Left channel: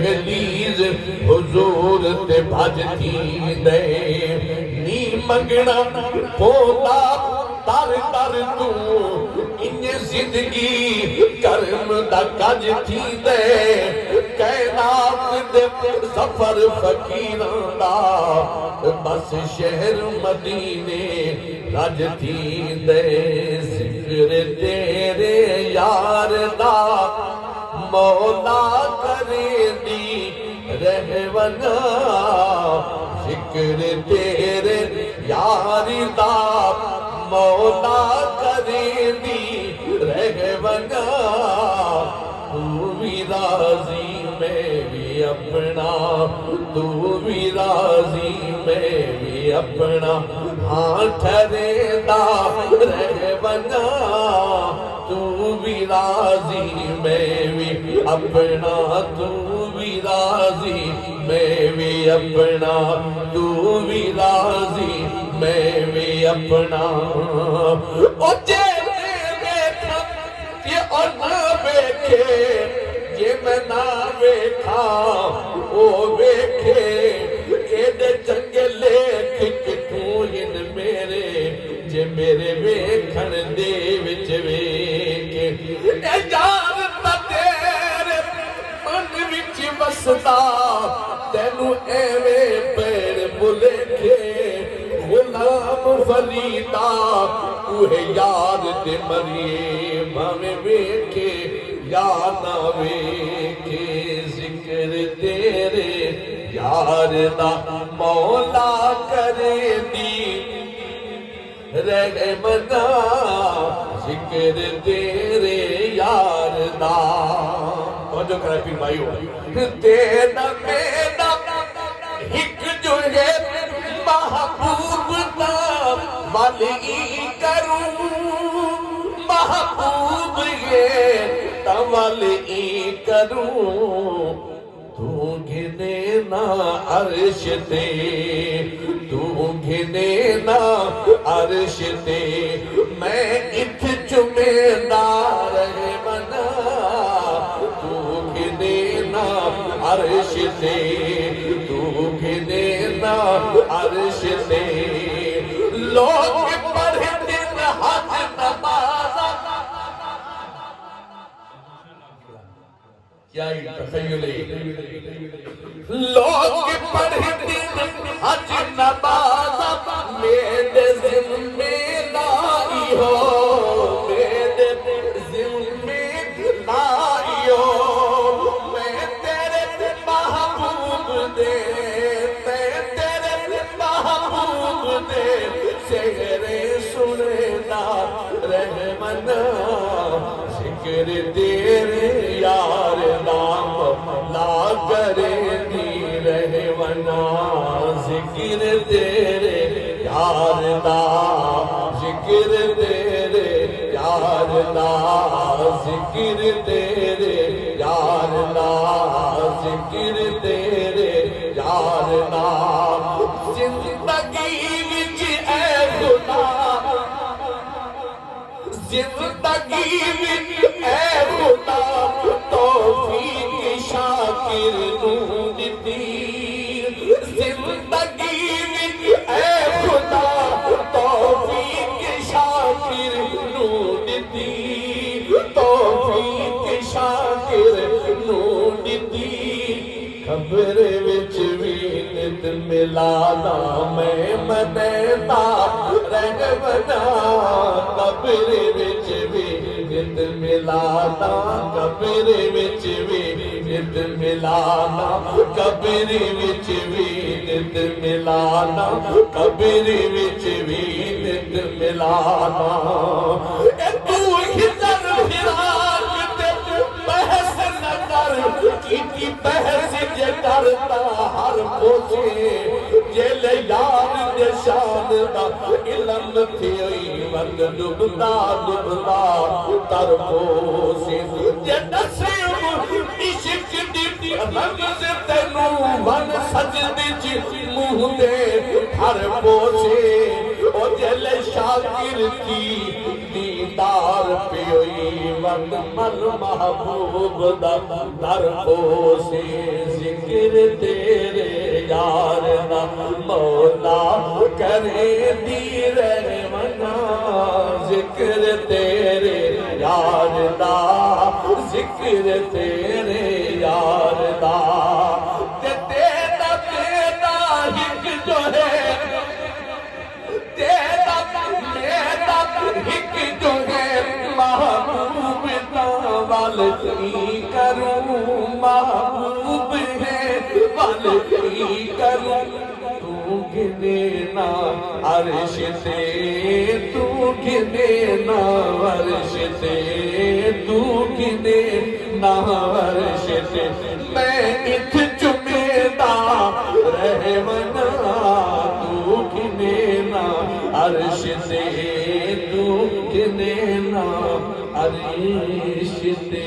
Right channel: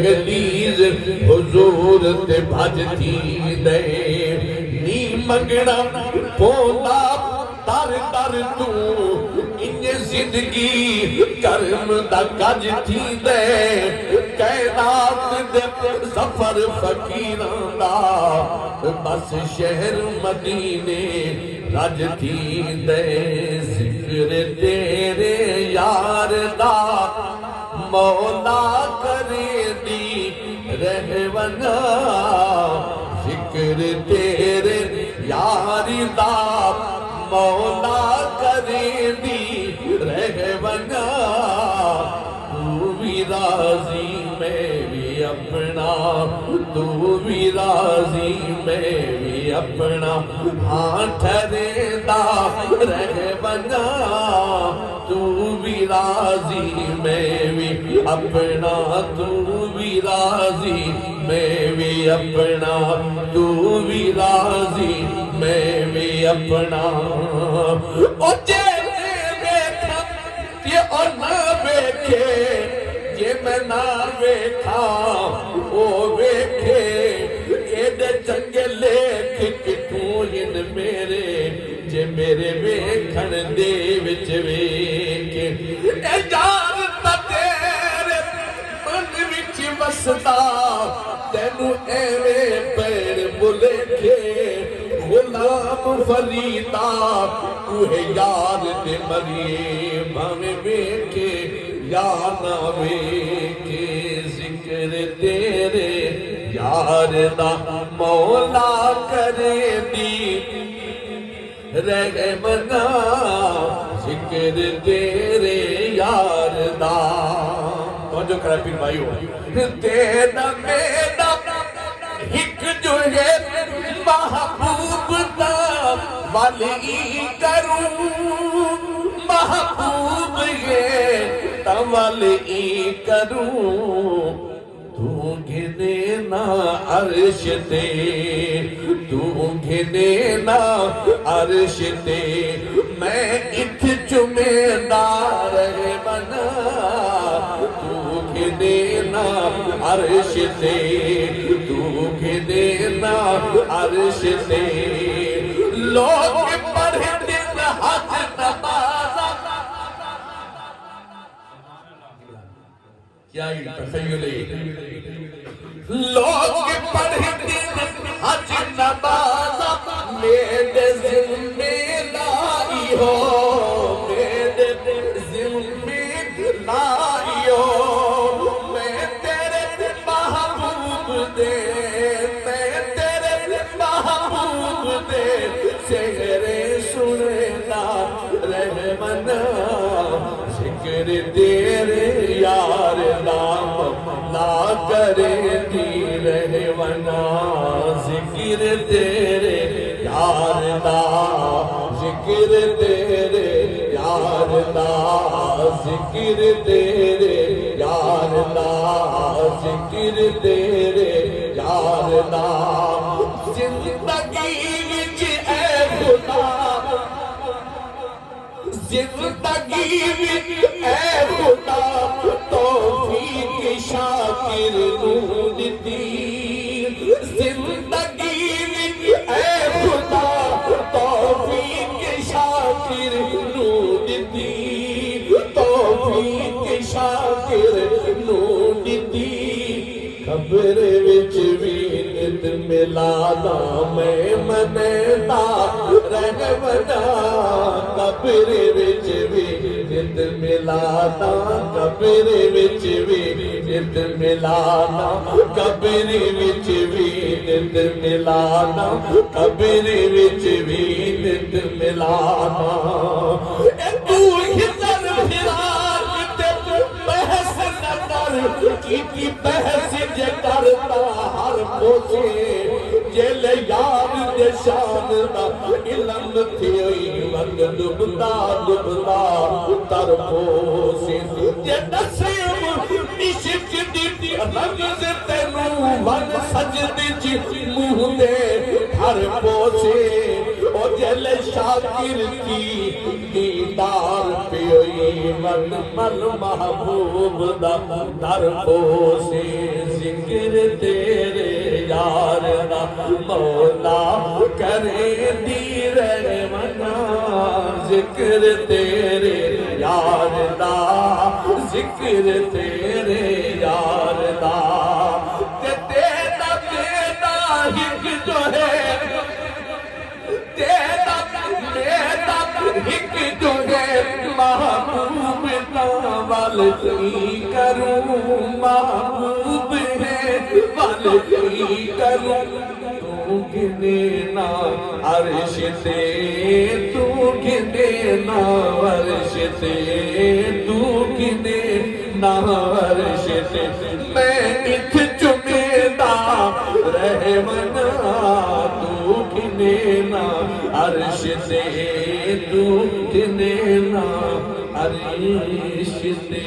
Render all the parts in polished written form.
दहलीज हुजूर ते भजती दे नी मंगना पोला तर तर तू इन्ने जिंदगी कर्म दा गज थी दे कैनात दे सफर फकीरां दा बस शहर मदीने रज थी दे जिक्र तेरे यार दा मौला करे दी रहवना जिक्र तेरे यारी दा मौला करे दी रहवना तू भी राजी मैं भी अपना तू भी राजी मैं भी अपना हाँ ठहरेदा रहवना तू भी राजी मैं भी अपना तू भी राजी मैं भी अपना तू भी राजी मैं भी अपना ओ जे देखा ये और ना देखे जे मैं ना वेखा ओ वेखे एदे चंगे लेख किथों हिन मेरे जे मेरे वेखण दे विच वेखे ए यार ता तेरे मन विच वसदा तैनू एवें पेड़ बुलेखे गुलाम फरीदा तू है यार ते मरिए भावे वेखे या ना वेखे जिक्र तेरे यार दा मौला करे दी रहमना जिक्र तेरे यार दा और जो करा पी भाई हो तेरा मेरा हिक जो है महबूब दा वाली करूं महबूब ये तवली करूं तू घिने ना अर्श ते तू घिने ना अर्श ते मैं इत जुमेदार बना तू घिने ना अर्श ते तू घिने ना अर्श ते लोग पढ़ते हज नमाज़ क्या तखय्युले लोग पढ़ते हज नमाज़ मेरे ज़िम्मेदारी हो मेरे ज़िम्मेदारी हो मैं तेरे महबूब दे मैं तेरे महबूब दे सेहरे सुनना रहमना जिक्र तेरे यार नाम ला करे दी रहमना जिक्र तेरे यार दा जिक्र तेरे यार दा जिक्र तेरे यार दा जिक्र तेरे यार दा जिंदगी विच ऐ खुदा जिंदगी विच ऐ खुदा तौफीक शाकिर नूं दित्ती जिंदगी विच ऐ खुदा तौफीक शाकिर नूं दित्ती तौफीक शाकिर नूं दित्ती खबर विच भी नित मिलाना मैं मनेदा रहमना कब्र विच भी नित मिलाना कब्र विच भी नित मिलाना कब्र विच भी नित मिलाना कब्र विच भी नित मिलाना तू हिजर हिराक ते बहस न कर की बहस जे करता हर पोसे जेल याद दे शान दा इल्म थी वंद डुबदा डुबदा तर पोसे जे नसीब इश्क दी रंग तैनू मन सजदी ची मुंह दे हर पोसे ओ जेल शाकिर थी दीदार पियोई मन मन महबूब दा दर पोसे जिक्र तेरे यार दा मौला करे दी रहमना जिक्र तेरे यार दा जिक्र तेरे यार दा ते तेरा बेटा हिक जो है तेरा बेटा हिक जो है महबूब तावल की करूं महबूब है वल की करूं तू गिने ना अर्श से तू गिने ना अर्श से तू गिने ना अर्श से मैं इत चुमेदा रहमना तू गिने ना अर्श से तू गिने ना अर्श से।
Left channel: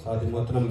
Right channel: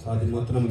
साथ ही मोहतरम